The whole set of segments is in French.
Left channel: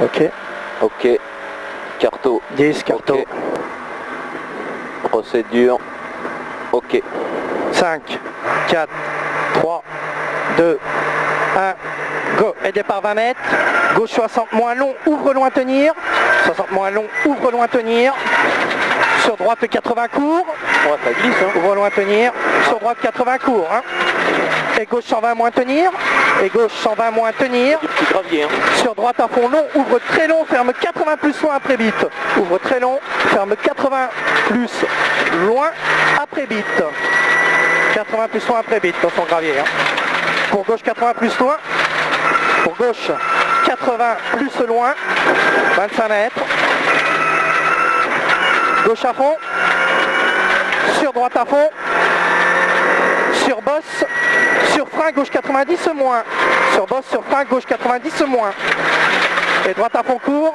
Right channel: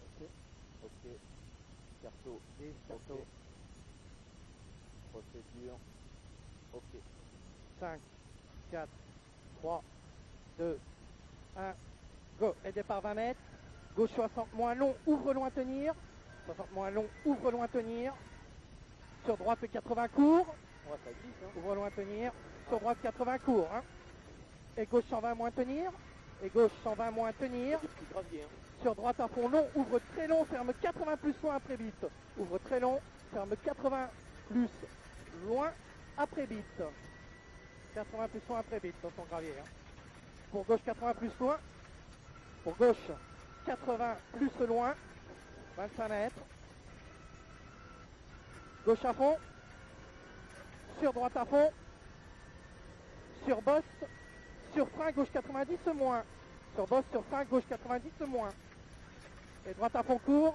Ok. Ok. Carto. 10, carto. Okay. Procédure. Ok. 5, 4, 3, 2, 1, go. Et départ 20 mètres. Gauche 60 moins long, ouvre loin tenir. 60 moins long, ouvre loin tenir. Sur droite 80 court. Ouais, ça glisse, hein. Ouvre loin tenir. Sur droite 80 court. Hein. Et gauche 120 moins tenir. Et gauche 120 moins tenir. Du petit gravier, hein. Sur droite à fond long, ouvre très long, ferme 80 plus loin après bite. Ouvre très long, ferme 80 plus loin après bite. 80 plus loin après bite dans son gravier. Hein. Pour gauche 80 plus loin. Pour gauche 80 plus loin. 25 mètres. Gauche à fond. Sur droite à fond. Sur bosse. Sur frein gauche 90 moins. Sur bosse, sur frein gauche 90 moins. Et droite à fond court.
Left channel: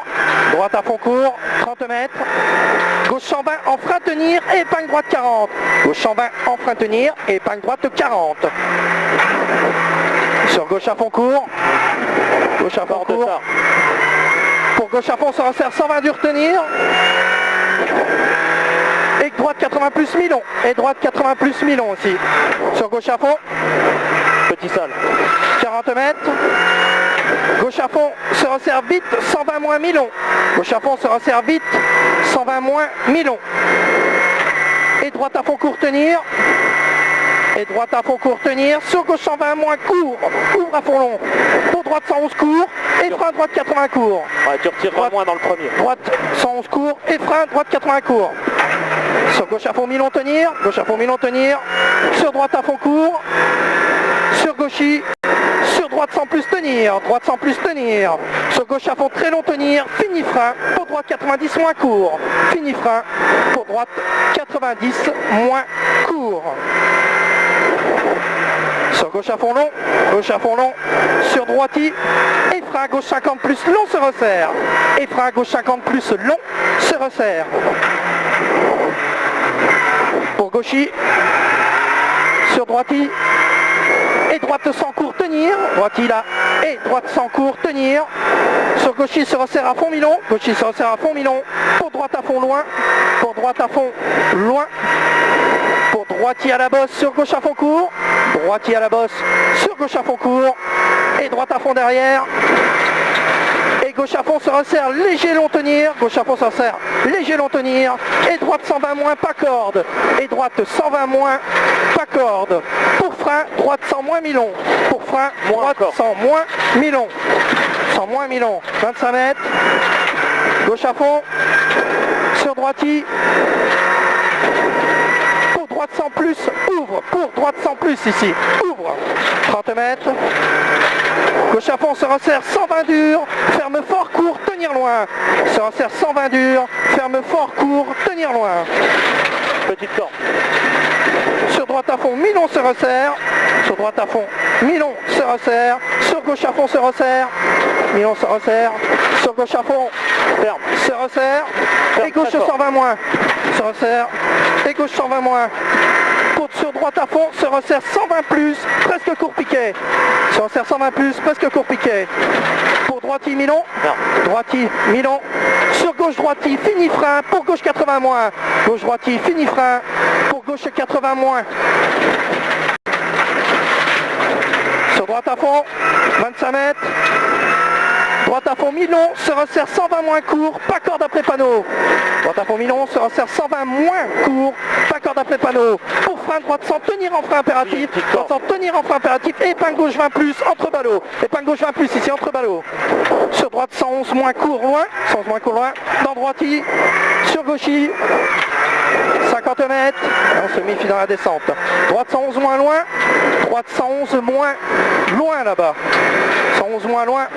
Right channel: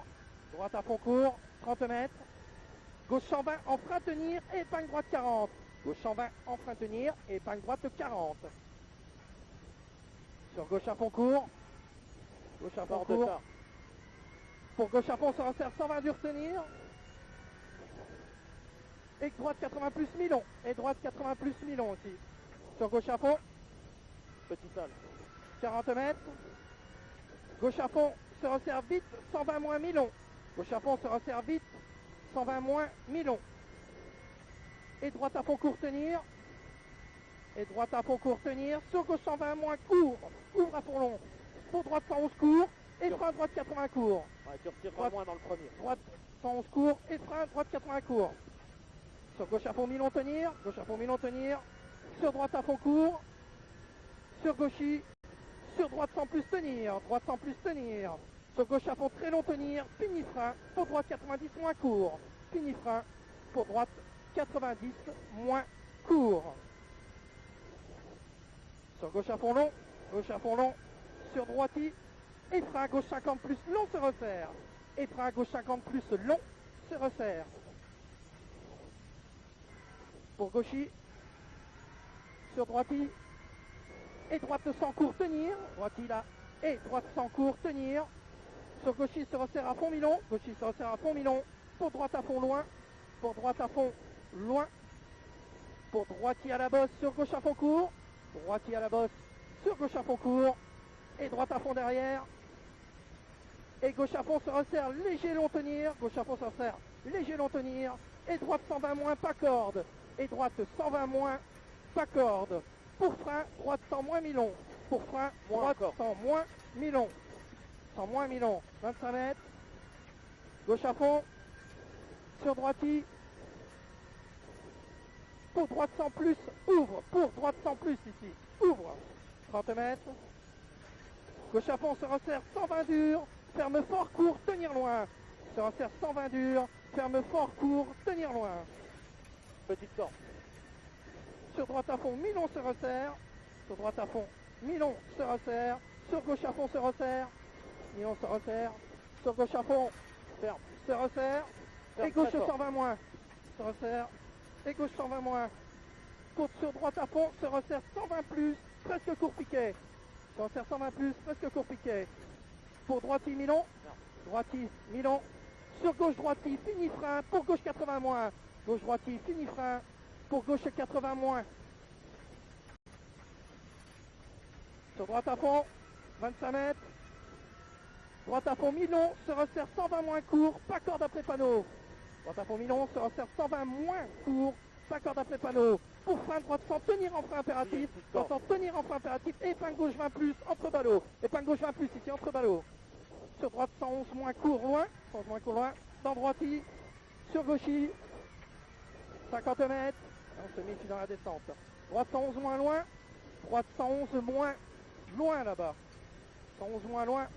Droite à fond court. 30 mètres. Gauche 120 en frein tenir et épingle droite 40. Gauche 120 en frein tenir et épingle droite 40. Sur gauche à fond court. Gauche à fond court. Pour gauche à fond, on se resserre 120 dur tenir. Et droite 80 plus mi-long. Et droite 80 plus mi-long aussi. Sur gauche à fond. Petit sale. 40 mètres. Gauche à fond, se resserre vite, 120 moins mi-long. Gauche à fond, se resserre vite, 120 moins mi-long. Et droite à fond court tenir. Et droite à fond court tenir. Sur gauche 120 moins court. Ouvre à fond long. Pour droite 111 court. Et frein droite 80 court. Ouais, tu retireras moins dans le premier. Droite 111 court. Et frein droite 80 court. Sur gauche à fond mi-long tenir. Gauche à fond mi-long tenir. Sur droite à fond court. Sur gauchy. Sur droite sans plus tenir. Droite sans plus tenir. Sur gauche à fond très long tenir. Fini frein. Pour droite 90 moins court. Fini frein. Pour droite 90 moins court. Sur gauche à fond long, gauche à fond long, sur droiti, et frein gauche 50 plus long se resserre. Et frein gauche 50 plus long se resserre. Pour gauchy, sur droiti, et droite sans court tenir, droiti là, et droite sans court tenir. Sur gauchy se resserre à fond mi-long, gauchy se resserre à fond mi-long, pour droite à fond loin, pour droite à fond loin. Pour droitier à la bosse, sur gauche à fond court. Droitier à la bosse, sur gauche à fond court. Et droite à fond derrière. Et gauche à fond se resserre, léger long tenir. Gauche à fond se resserre, léger long tenir. Et droite 120 moins, pas corde. Et droite 120 moins, pas corde. Pour frein, droite 100 moins mi-long. Pour frein, droite 100 moins mi-long. 100 moins mi-long. 25 mètres. Gauche à fond. Sur droitier. Droite sans plus, ouvre, pour droite sans plus ici, ouvre, 30 mètres, gauche à fond se resserre 120 dur, ferme fort court, tenir loin, se resserre 120 dur, ferme fort court, tenir loin, petite corde, sur droite à fond, mi-long se resserre, sur droite à fond, mi-long se resserre, sur gauche à fond se resserre, mi-long se resserre, sur gauche à fond, ferme, se resserre, et gauche 120 moins, se resserre, et gauche 120 moins. Sur droite à fond, se resserre 120 plus, presque court piqué. Se resserre 120 plus, presque court piqué. Pour droitier mi-long, droitier mi-long. Sur gauche droitier, fini frein, pour gauche 80 moins. Gauche droitier, fini frein, pour gauche 80 moins. Sur droite à fond, 25 mètres. Droite à fond mi-long, se resserre 120 moins court, pas corde après panneau. Droite à fond mi-long, se resserre 120 moins court, pas corde après panneau. Pour frein droite sans tenir en frein impératif, droite sans tenir en frein impératif, et épingle gauche 20 plus, entre ballots. Épingle gauche 20 plus ici, entre ballots. Sur droite 111 moins court, loin, 111 moins court, loin, dans droitier, sur gauchy, 50 mètres, on se méfie dans la descente. Droite 111 moins loin, droite 111 moins loin là-bas. 111 moins loin.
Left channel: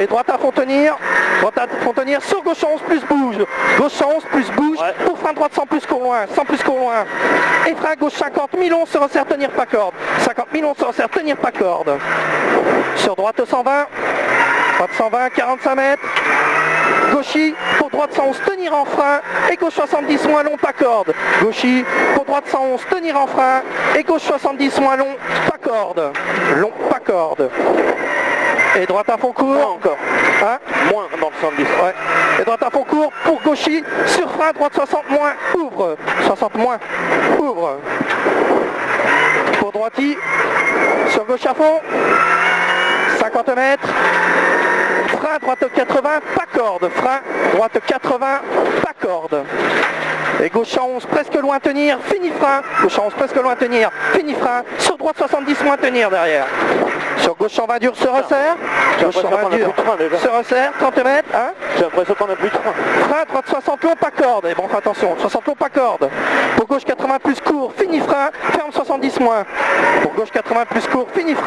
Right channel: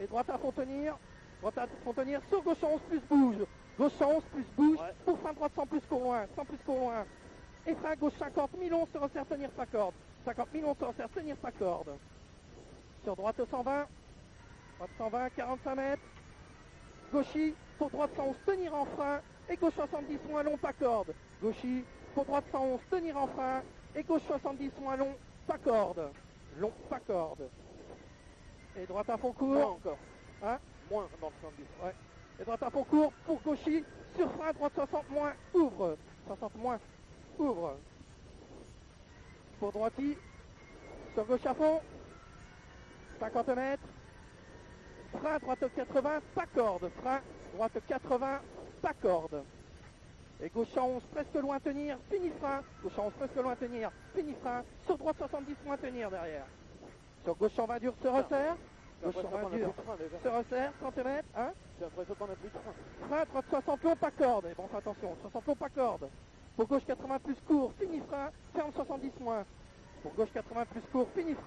Et droite à fond tenir, sur gauche 111 plus bouge, gauche 111 plus bouge, ouais. Pour frein droite 100 plus court loin, 100 plus court loin. Et frein gauche 50 mi-long se resserre tenir pas corde, 50 mi-long se resserre tenir pas corde. Sur droite 120, droite 120, 45 mètres. Gauchy, pour droite 111, tenir en frein, et gauche 70 moins long, pas corde. Gauchy, pour droite 111, tenir en frein, et gauche 70 moins long, pas corde. Long, pas corde. Et droite à fond Moins court. encore. Hein? Moins dans le 110. Ouais. Et droite à fond court pour gauchy. Sur frein, droite 60 moins, ouvre. 60 moins, ouvre. Pour droiti. Sur gauche à fond. 50 mètres. Frein, droite 80, pas corde. Frein, droite 80, pas corde. Et gauche à 11, presque loin tenir, fini frein. Gauche à 11, presque loin tenir, fini frein. Sur droite 70, moins tenir derrière. Sur gauche en 20 dur, se resserre. Gauche en 20 dur, se resserre, 30 mètres. Hein. J'ai l'impression qu'on a plus de frein. Frein, droite 60 long, pas corde. Et bon, attention, 60 long, pas corde. Pour gauche 80 plus court, fini frein. Ferme 70 moins. Pour gauche 80 plus court, fini frein.